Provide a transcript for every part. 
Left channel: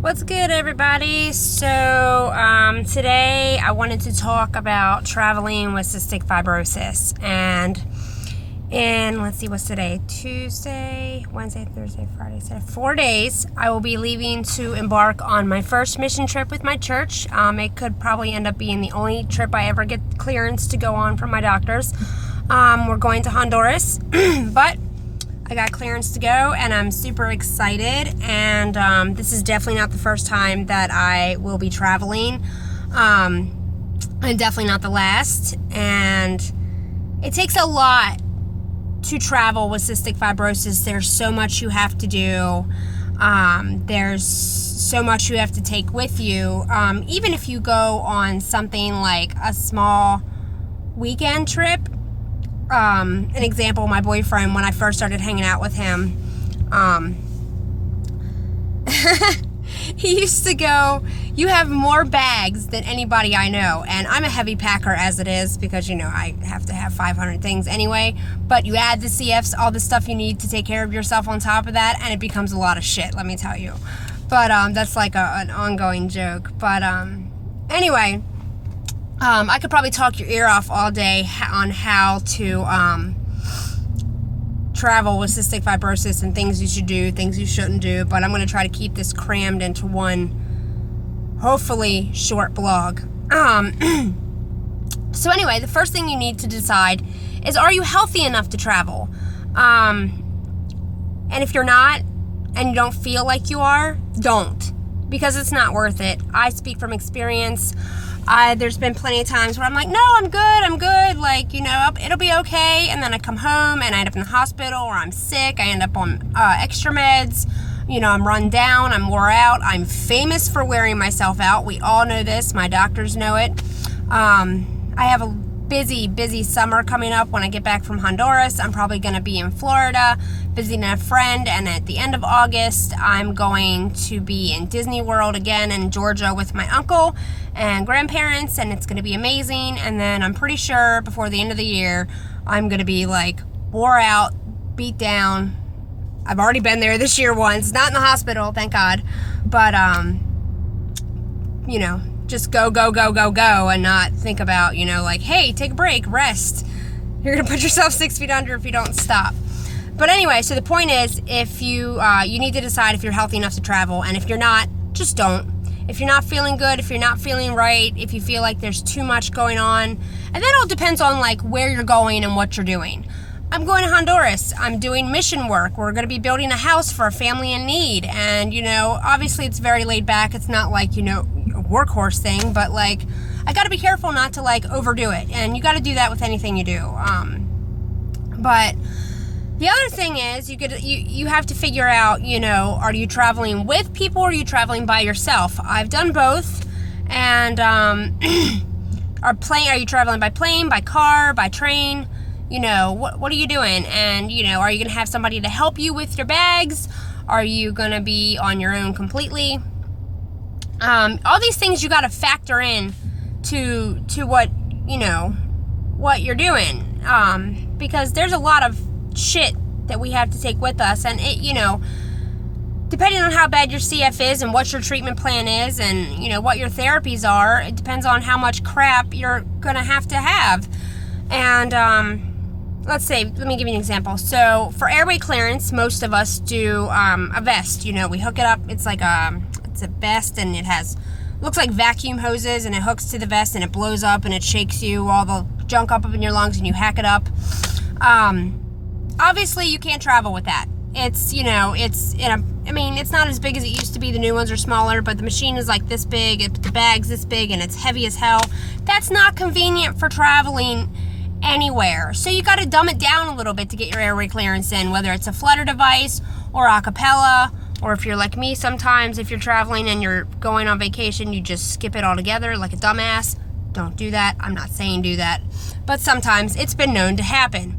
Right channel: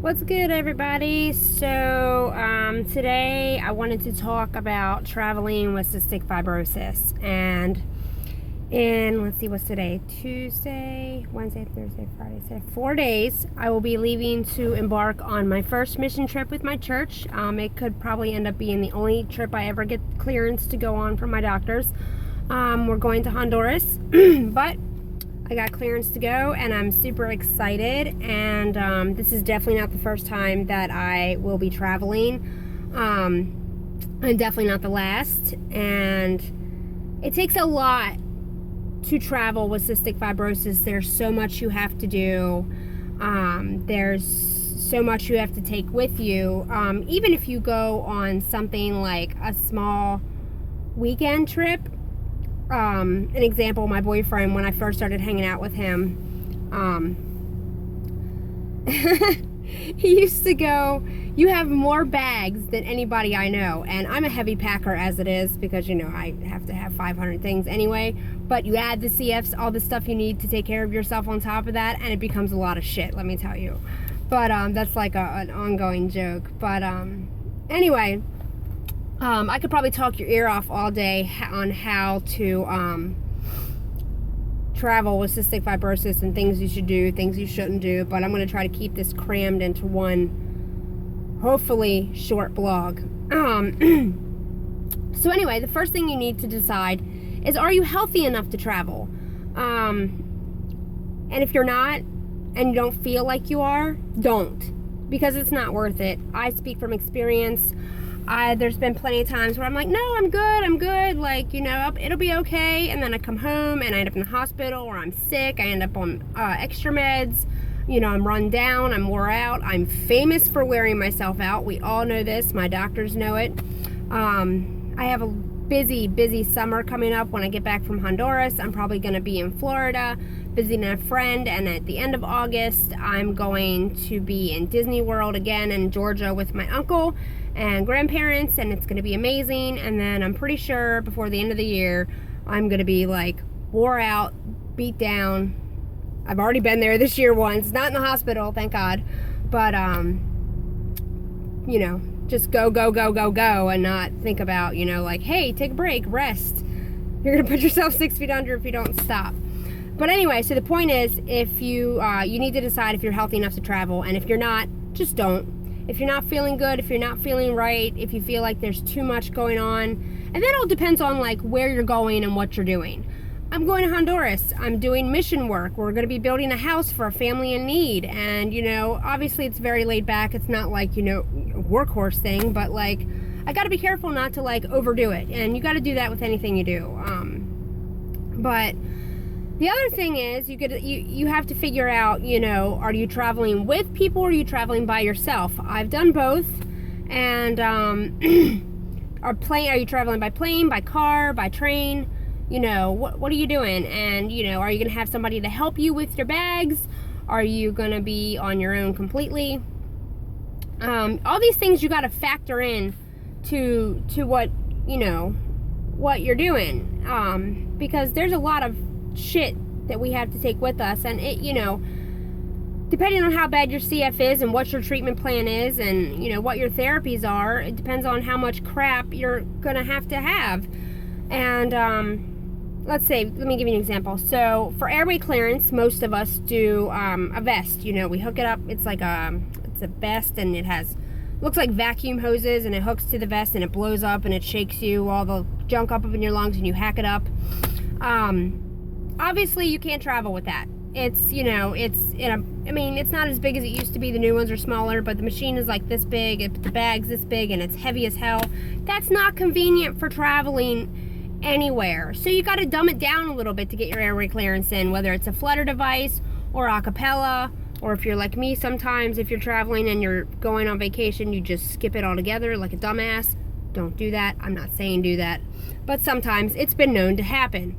What's good, everybody? So today I wanted to talk about traveling with cystic fibrosis. And let's see, what's today? Tuesday, Wednesday, Thursday, Friday, Saturday. 4 days I will be leaving to embark on my first mission trip with my church. It could probably end up being the only trip I ever get clearance to go on from my doctors. We're going to Honduras, but I got clearance to go and I'm super excited, and this is definitely not the first time that I will be traveling, and definitely not the last. And it takes a lot to travel with cystic fibrosis. There's so much you have to do. There's so much you have to take with you. Even if you go on something like a small weekend trip. An example, my boyfriend, when I first started hanging out with him, he used to go, "You have more bags than anybody I know." And I'm a heavy packer as it is, because, I have to have 500 things anyway. But you add the CFs, all the stuff you need to take care of yourself on top of that, and it becomes a lot of shit, let me tell you. But that's like an ongoing joke. But anyway, I could probably talk your ear off all day on how to travel with cystic fibrosis and things you should do, things you shouldn't do, but I'm going to try to keep this crammed into one, hopefully, short blog. So anyway, the first thing you need to decide is, are you healthy enough to travel? And if you're not, and you don't feel like you are, don't, because it's not worth it. I speak from experience. There's been plenty of times where I'm like, no, I'm good, like, it'll be okay, and then I come home and I end up in the hospital, or I'm sick, I end up on extra meds, I'm run down, I'm wore out. I'm famous for wearing myself out. We all know this. My doctors know it. I have a busy summer coming up. When I get back from Honduras, I'm probably going to be in Florida visiting a friend, and at the end of August I'm going to be in Disney World again in Georgia with my uncle and grandparents, and it's going to be amazing. And then I'm pretty sure before the end of the year I'm going to be like wore out, beat down. I've already been there this year once, not in the hospital, thank God, but just go, and not think about, like, hey, take a break, rest. You're going to put yourself 6 feet under if you don't stop. But anyway, so the point is, if you need to decide if you're healthy enough to travel, and if you're not, just don't. If you're not feeling good, if you're not feeling right, if you feel like there's too much going on, and that all depends on, like, where you're going and what you're doing. I'm going to Honduras. I'm doing mission work. We're going to be building a house for a family in need. And, obviously it's very laid back. It's not like, a workhorse thing, but like, I got to be careful not to like overdo it. And you got to do that with anything you do. But the other thing is, you have to figure out, are you traveling with people, or are you traveling by yourself? I've done both. And, are you traveling by plane, by car, by train? What are you doing? And, are you going to have somebody to help you with your bags? Are you going to be on your own completely? All these things you got to factor in to what, what you're doing. Because there's a lot of shit that we have to take with us. And it, depending on how bad your CF is and what your treatment plan is and, what your therapies are, it depends on how much crap you're going to have. And, let me give you an example. So for airway clearance, most of us do a vest. We hook it up. It's like it's a vest, and it looks like vacuum hoses, and it hooks to the vest, and it blows up, and it shakes all the junk up in your lungs, and you hack it up. Obviously you can't travel with that. It's it's not as big as it used to be. The new ones are smaller, but the machine is like this big, the bag's this big, and it's heavy as hell. That's not convenient for traveling anywhere. So you got to dumb it down a little bit to get your airway clearance in, whether it's a flutter device or a cappella, or if you're like me, sometimes if you're traveling and you're going on vacation, you just skip it altogether like a dumbass. Don't do that. I'm not saying do that, but sometimes it's been known to happen.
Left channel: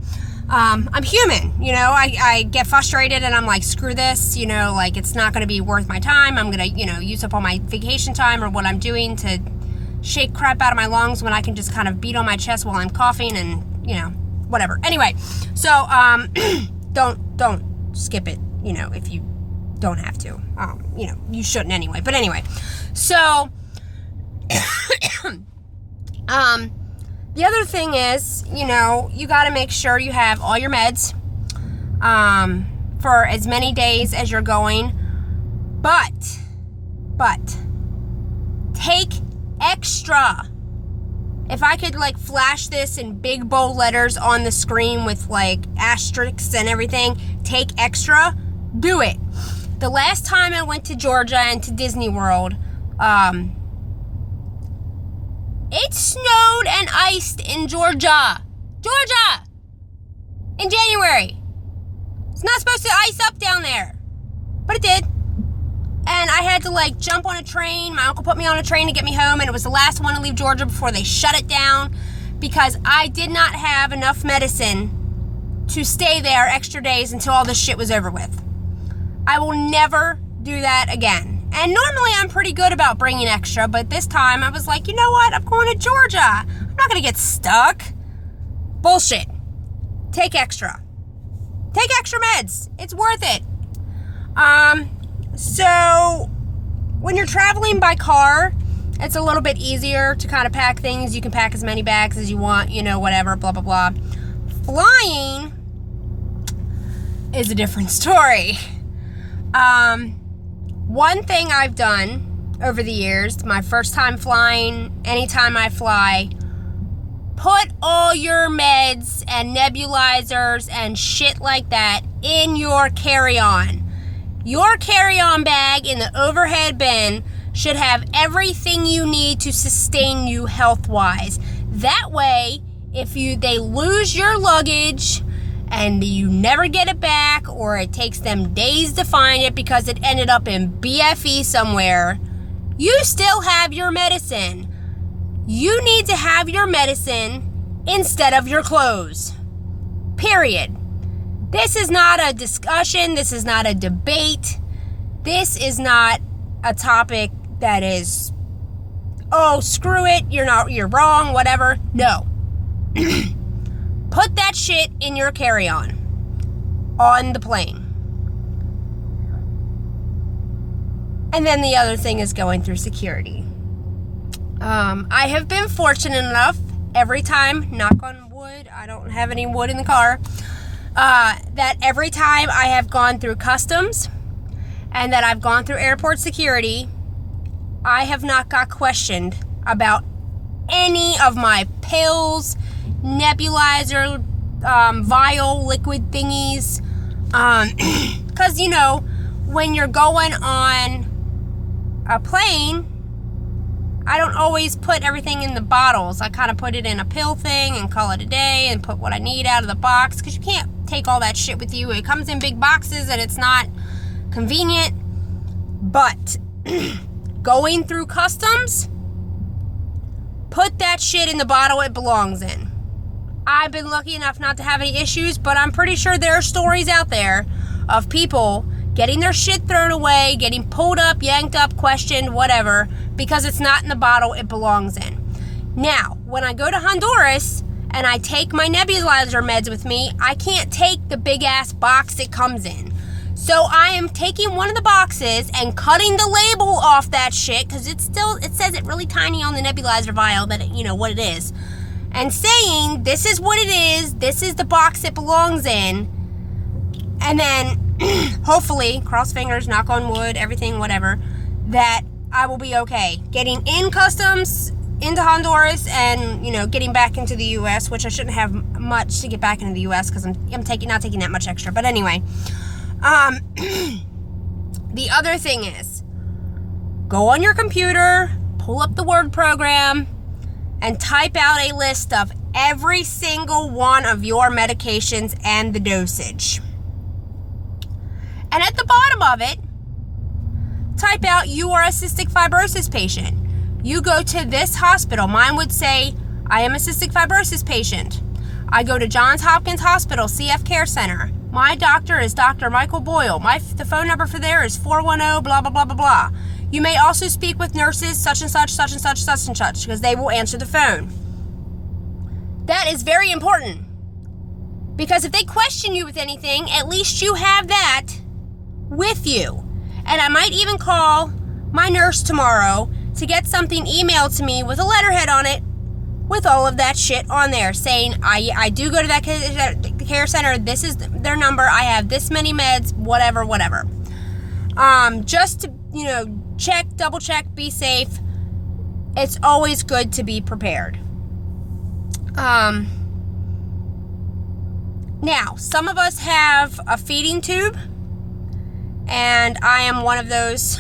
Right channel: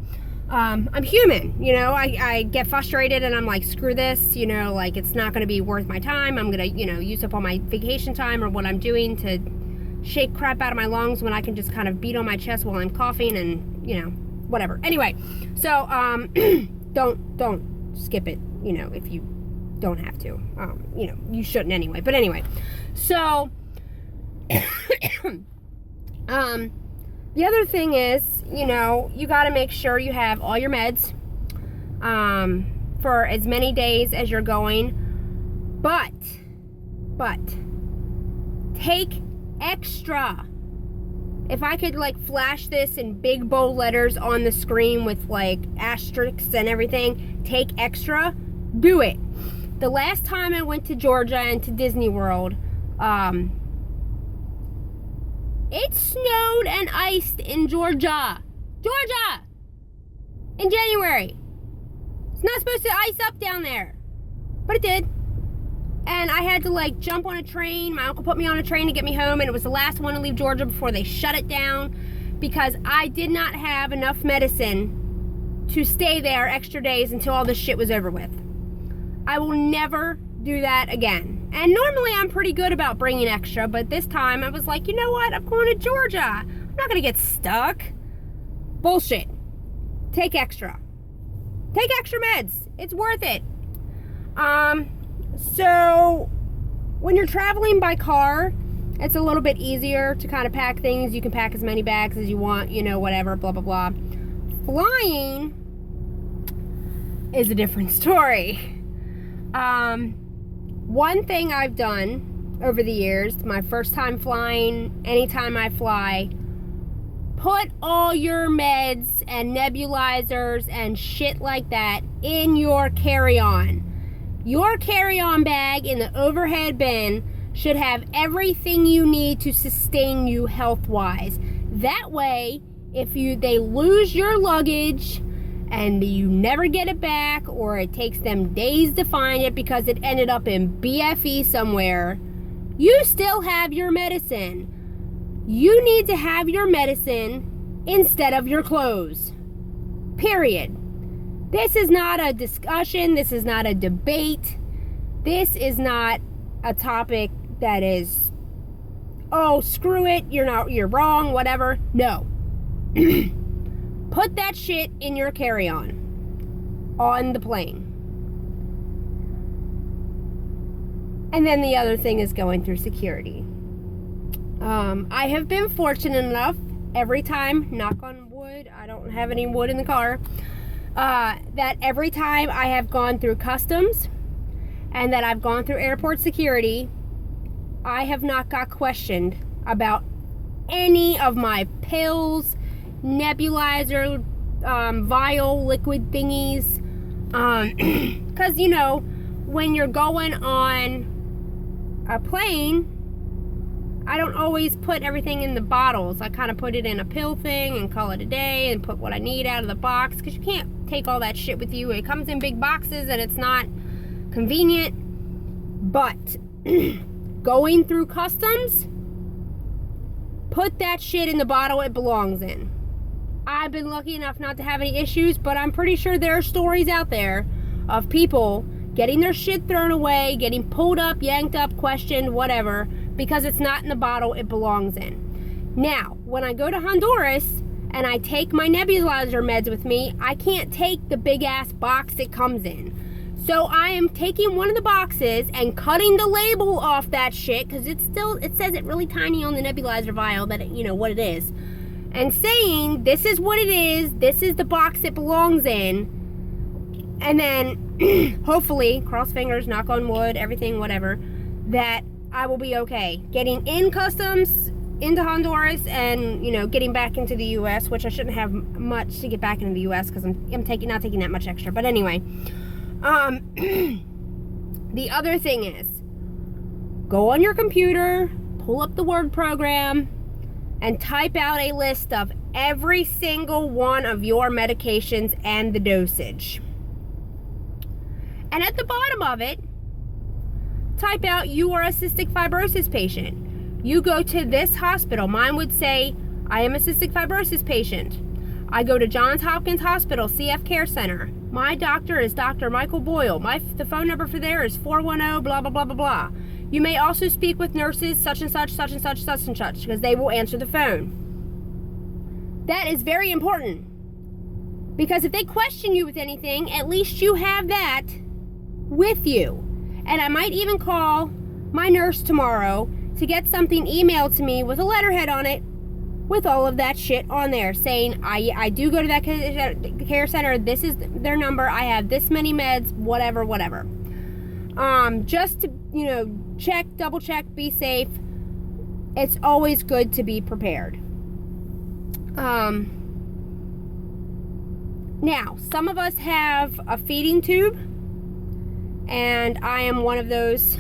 I'm human, I get frustrated and I'm like, screw this, like, it's not going to be worth my time. I'm going to, use up all my vacation time or what I'm doing to shake crap out of my lungs when I can just kind of beat on my chest while I'm coughing and, whatever. Anyway, so, don't skip it, if you don't have to. You shouldn't anyway. But anyway, so the other thing is, you got to make sure you have all your meds for as many days as you're going. But take extra. If I could flash this in big bold letters on the screen with asterisks and everything, take extra, do it. The last time I went to Georgia and to Disney World, it snowed and iced in Georgia, in January. It's not supposed to ice up down there, but it did. And I had to jump on a train. My uncle put me on a train to get me home, and it was the last one to leave Georgia before they shut it down because I did not have enough medicine to stay there extra days until all this shit was over with. I will never do that again. And normally I'm pretty good about bringing extra, but this time I was like, you know what? I'm going to Georgia. I'm not going to get stuck. Bullshit. Take extra. Take extra meds. It's worth it. So when you're traveling by car, it's a little bit easier to kind of pack things. You can pack as many bags as you want, whatever, blah, blah, blah. Flying is a different story. One thing I've done over the years, my first time flying, anytime I fly, put all your meds and nebulizers and shit like that in your carry-on. Your carry-on bag in the overhead bin should have everything you need to sustain you health-wise. That way, if they lose your luggage and you never get it back, or it takes them days to find it because it ended up in BFE somewhere, you still have your medicine. You need to have your medicine instead of your clothes. Period. This is not a discussion. This is not a debate. This is not a topic that is, oh, screw it, you're wrong, whatever. No. Put that shit in your carry-on on the plane. And then the other thing is going through security. I have been fortunate enough every time, knock on wood, I don't have any wood in the car, that every time I have gone through customs and that I've gone through airport security, I have not got questioned about any of my pills, nebulizer, vial, liquid thingies. Because, when you're going on a plane, I don't always put everything in the bottles. I kind of put it in a pill thing and call it a day and put what I need out of the box, because you can't take all that shit with you. It comes in big boxes and it's not convenient. But going through customs, put that shit in the bottle it belongs in. I've been lucky enough not to have any issues, but I'm pretty sure there are stories out there of people getting their shit thrown away, getting pulled up, yanked up, questioned, whatever, because it's not in the bottle it belongs in. Now, when I go to Honduras and I take my nebulizer meds with me, I can't take the big ass box it comes in. So I am taking one of the boxes and cutting the label off that shit, because it says it really tiny on the nebulizer vial that what it is, and saying this is what it is, this is the box it belongs in, and then hopefully, cross fingers, knock on wood, everything, whatever, that I will be okay getting in customs into Honduras and getting back into the U.S., which I shouldn't have much to get back into the U.S. because I'm not taking that much extra. But anyway, the other thing is, go on your computer, pull up the Word program, and type out a list of every single one of your medications and the dosage. And at the bottom of it, type out you are a cystic fibrosis patient. You go to this hospital. Mine would say, I am a cystic fibrosis patient. I go to Johns Hopkins Hospital, CF Care Center. My doctor is Dr. Michael Boyle. The phone number for there is 410 blah, blah, blah, blah, blah. You may also speak with nurses such and such, such and such, such and such, because they will answer the phone. That is very important. Because if they question you with anything, at least you have that with you. And I might even call my nurse tomorrow to get something emailed to me with a letterhead on it with all of that shit on there saying, I do go to that care center, this is their number, I have this many meds, whatever. Just to, check, double check, be safe. It's always good to be prepared. Now, some of us have a feeding tube, and I am one of those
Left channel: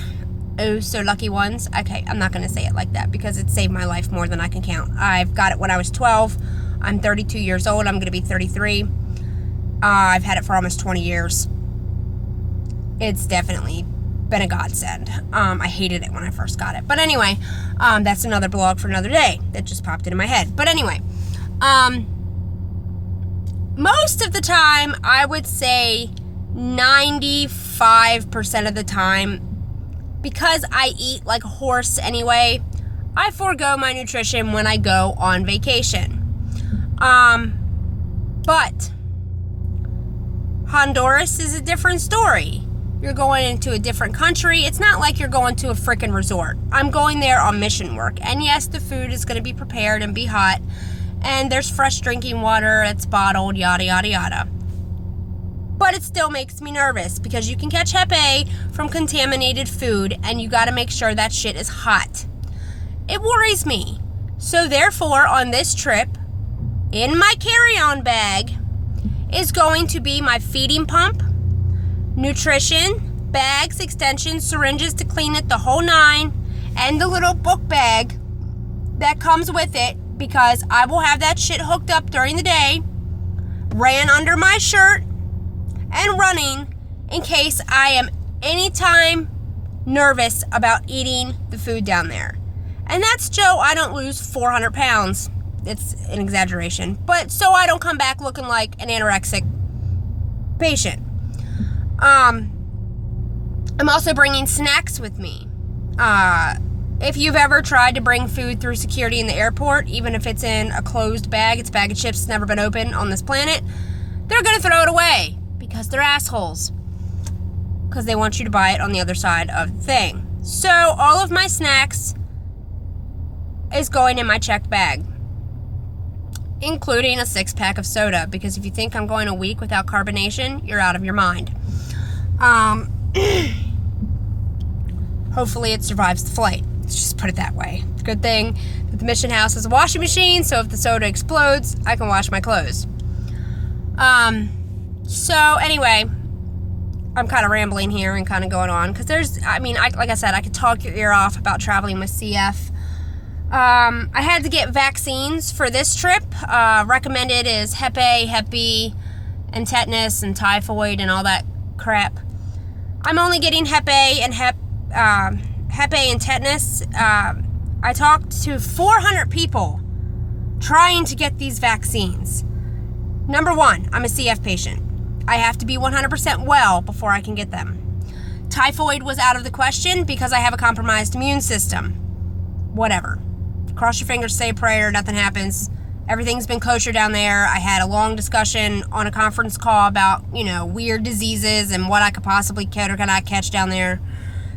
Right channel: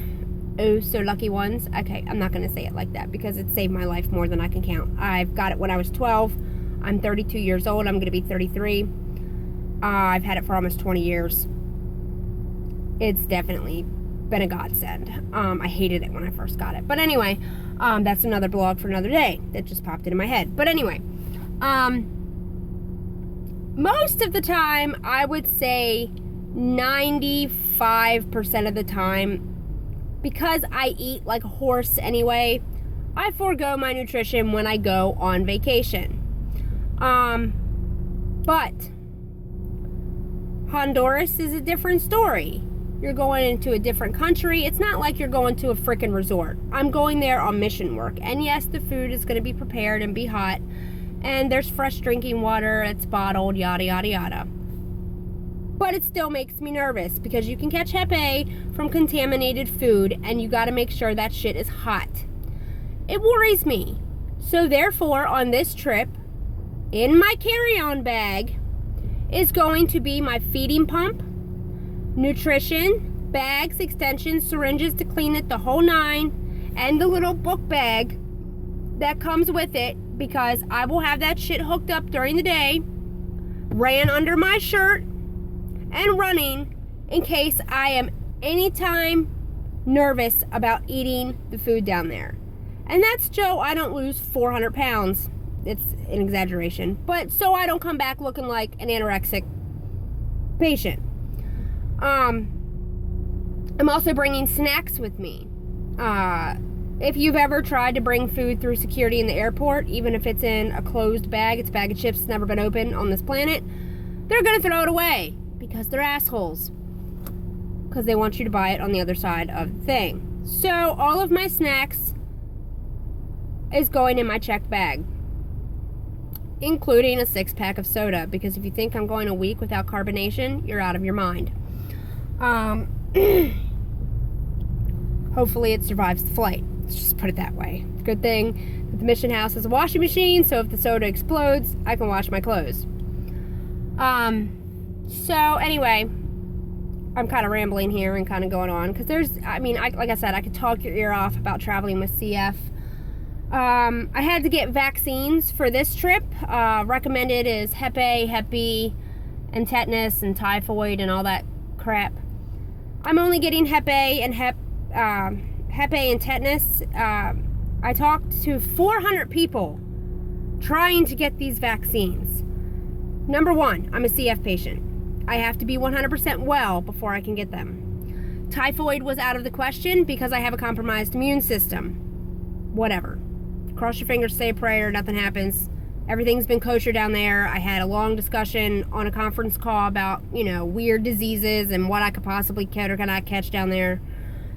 so lucky ones. Okay, I'm not going to say it like that because it saved my life more than I can count. I've got it when I was 12. I'm 32 years old. I'm going to be 33. I've had it for almost 20 years. It's definitely been a godsend. I hated it when I first got it. But anyway, that's another blog for another day that just popped into my head. But anyway, most of the time, I would say 95% of the time, because I eat like a horse anyway, I forego my nutrition when I go on vacation. But Honduras is a different story. You're going into a different country. It's not like you're going to a freaking resort. I'm going there on mission work. And yes, the food is going to be prepared and be hot. And there's fresh drinking water that's bottled, yada, yada, yada. But it still makes me nervous because you can catch Hep A from contaminated food and you got to make sure that shit is hot. It worries me. So therefore, on this trip, in my carry-on bag is going to be my feeding pump, nutrition, bags, extensions, syringes to clean it, the whole nine, and the little book bag that comes with it because I will have that shit hooked up during the day, ran under my shirt, and running in case I am anytime nervous about eating the food down there. And that's Joe, I don't lose 400 pounds. It's an exaggeration. But so I don't come back looking like an anorexic patient. I'm also bringing snacks with me. If you've ever tried to bring food through security in the airport, even if it's in a closed bag, it's a bag of chips, it's never been opened on this planet, they're going to throw it away. Because they're assholes. Because they want you to buy it on the other side of the thing. So, all of my snacks is going in my checked bag. Including a 6-pack of soda. Because if you think I'm going a week without carbonation, you're out of your mind. Hopefully it survives the flight. Let's just put it that way. It's a good thing that the mission house has a washing machine, so if the soda explodes, I can wash my clothes. So anyway, I'm kind of rambling here and kind of going on because like I said, I could talk your ear off about traveling with CF. I had to get vaccines for this trip. Recommended is Hep A, Hep B, and tetanus and typhoid and all that crap. I'm only getting Hep A and Hep A and tetanus. I talked to 400 people trying to get these vaccines. Number one, I'm a CF patient. I have to be 100% well before I can get them. Typhoid was out of the question because I have a compromised immune system. Whatever. Cross your fingers, say a prayer, nothing happens. Everything's been kosher down there. I had a long discussion on a conference call about, weird diseases and what I could possibly catch or cannot catch down there.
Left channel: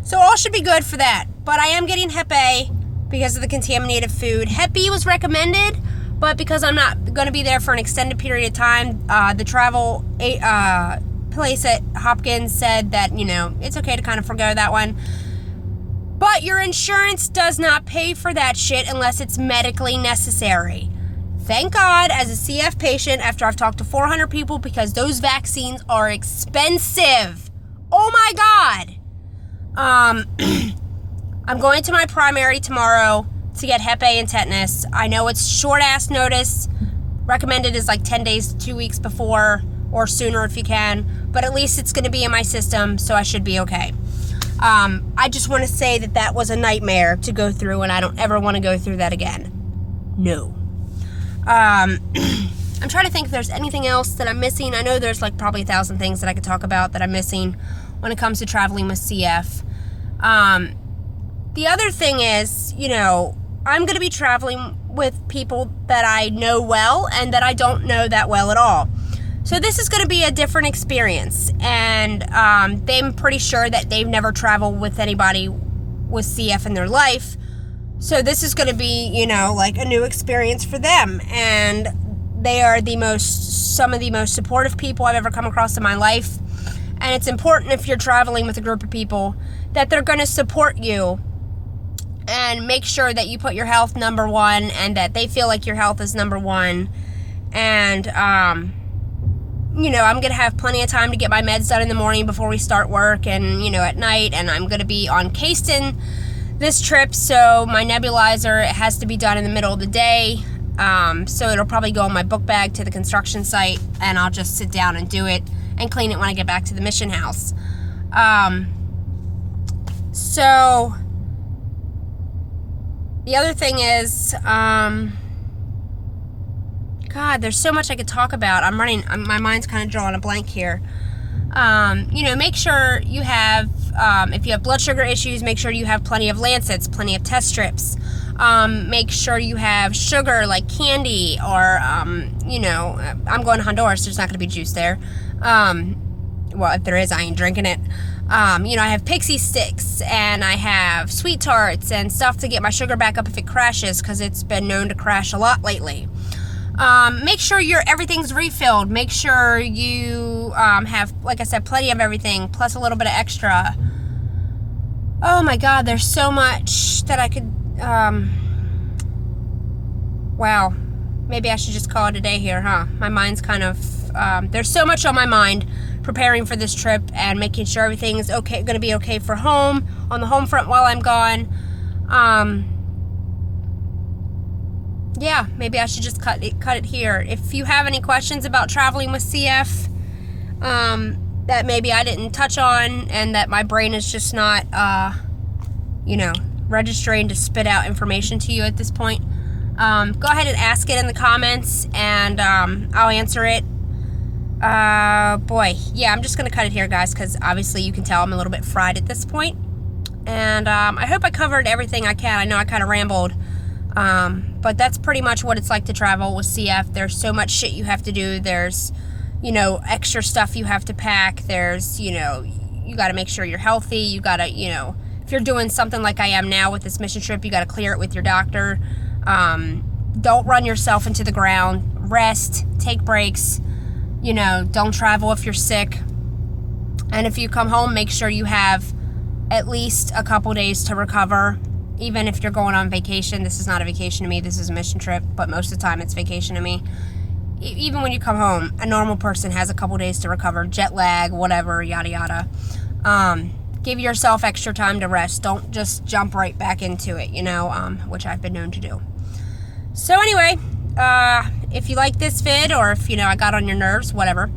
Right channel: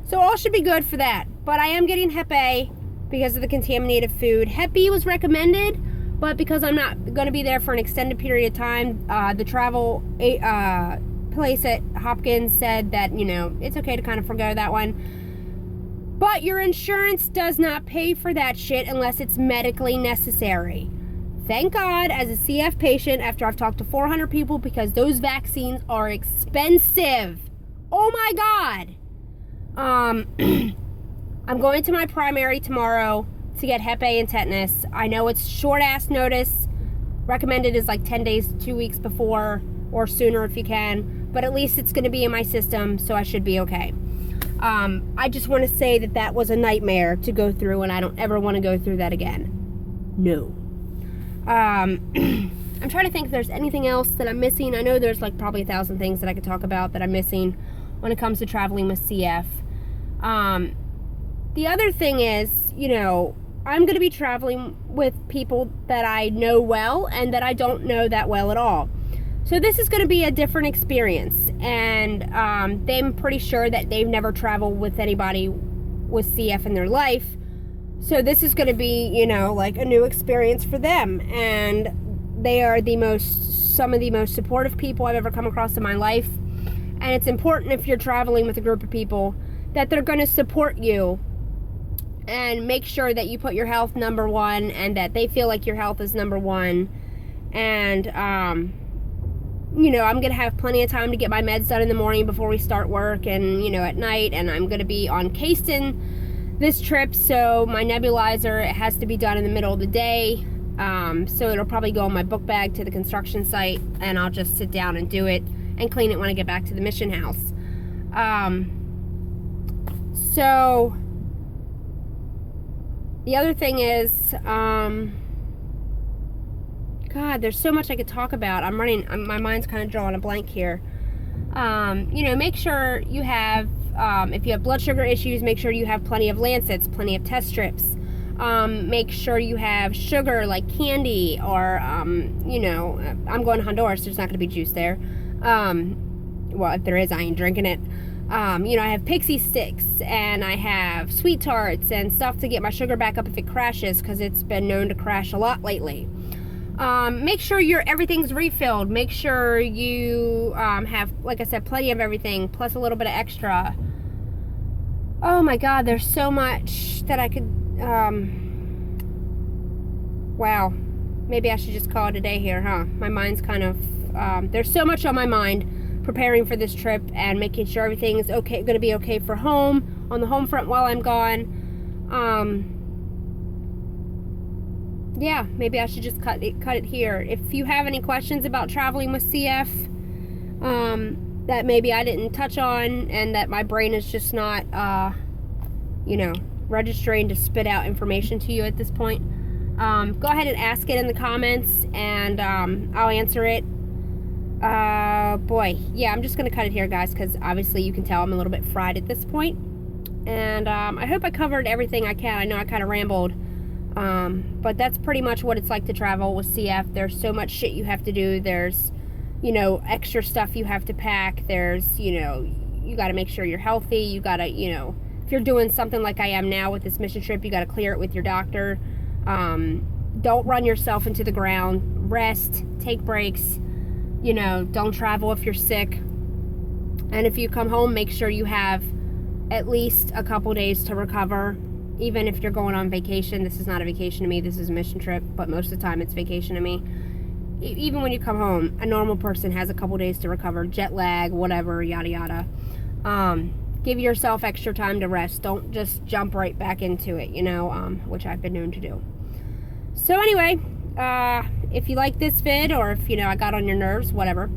So all should be good for that. But I am getting Hep A because of the contaminated food. Hep B was recommended, but because I'm not going to be there for an extended period of time, the travel place at Hopkins said that, it's okay to kind of forgo that one. But your insurance does not pay for that shit unless it's medically necessary. Thank God, as a CF patient, after I've talked to 400 people, because those vaccines are expensive. Oh my God. I'm going to my primary tomorrow to get Hep A and tetanus. I know it's short-ass notice. Recommended is like 10 days to 2 weeks before, or sooner if you can. But at least it's going to be in my system, so I should be okay. I just want to say that was a nightmare to go through, and I don't ever want to go through that again. No. I'm trying to think if there's anything else that I'm missing. I know there's like probably 1,000 things that I could talk about that I'm missing when it comes to traveling with CF. The other thing is, I'm going to be traveling with people that I know well and that I don't know that well at all. So this is going to be a different experience, and I'm pretty sure that they've never traveled with anybody with CF in their life. So this is going to be, you know, like a new experience for them, and they are some of the most supportive people I've ever come across in my life. And it's important, if you're traveling with a group of people, that they're going to support you and make sure that you put your health number one, and that they feel like your health is number one. And you know, I'm going to have plenty of time to get my meds done in the morning before we start work, and, you know, at night. And I'm going to be on Caiston this trip, so my nebulizer, it has to be done in the middle of the day. So it'll probably go in my book bag to the construction site, and I'll just sit down and do it and clean it when I get back to the mission house. So the other thing is, God, there's so much I could talk about. My mind's kind of drawing a blank here. You know, make sure you have, if you have blood sugar issues, make sure you have plenty of Lancets, plenty of test strips. Make sure you have sugar, like candy, or, you know, I'm going to Honduras, there's not going to be juice there. Well, if there is, I ain't drinking it. You know, I have pixie sticks, and I have sweet tarts and stuff to get my sugar back up if it crashes, because it's been known to crash a lot lately. Make sure everything's refilled. Make sure you have, like I said, plenty of everything, plus a little bit of extra. Oh my God, there's so much that I could, wow, maybe I should just call it a day here, huh? My mind's kind of, there's so much on my mind preparing for this trip and making sure everything is okay, going to be okay for home, on the home front while I'm gone. Yeah, maybe I should just cut it here. If you have any questions about traveling with CF, that maybe I didn't touch on, and that my brain is just not, you know, registering to spit out information to you at this point, go ahead and ask it in the comments, and I'll answer it. Boy, yeah, I'm just gonna cut it here, guys, because obviously you can tell I'm a little bit fried at this point. And I hope I covered everything I can. I know I kind of rambled. But that's pretty much what it's like to travel with CF. There's so much shit you have to do. There's, you know, extra stuff you have to pack. There's, you know, you got to make sure you're healthy. You got to, you know, if you're doing something like I am now with this mission trip, you got to clear it with your doctor. Don't run yourself into the ground. Rest, take breaks, you know, don't travel if you're sick. And if you come home, make sure you have at least a couple days to recover. Even if you're going on vacation, this is not a vacation to me, this is a mission trip, but most of the time it's vacation to me. Even when you come home, a normal person has a couple days to recover, jet lag, whatever, yada yada. Give yourself extra time to rest. Don't just jump right back into it, you know, which I've been known to do. So anyway, if you like this vid, or if, you know, I got on your nerves, whatever,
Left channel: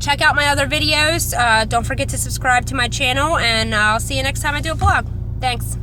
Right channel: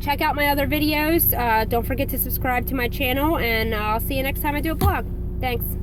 check out my other videos. Don't forget to subscribe to my channel, and I'll see you next time I do a vlog. Thanks.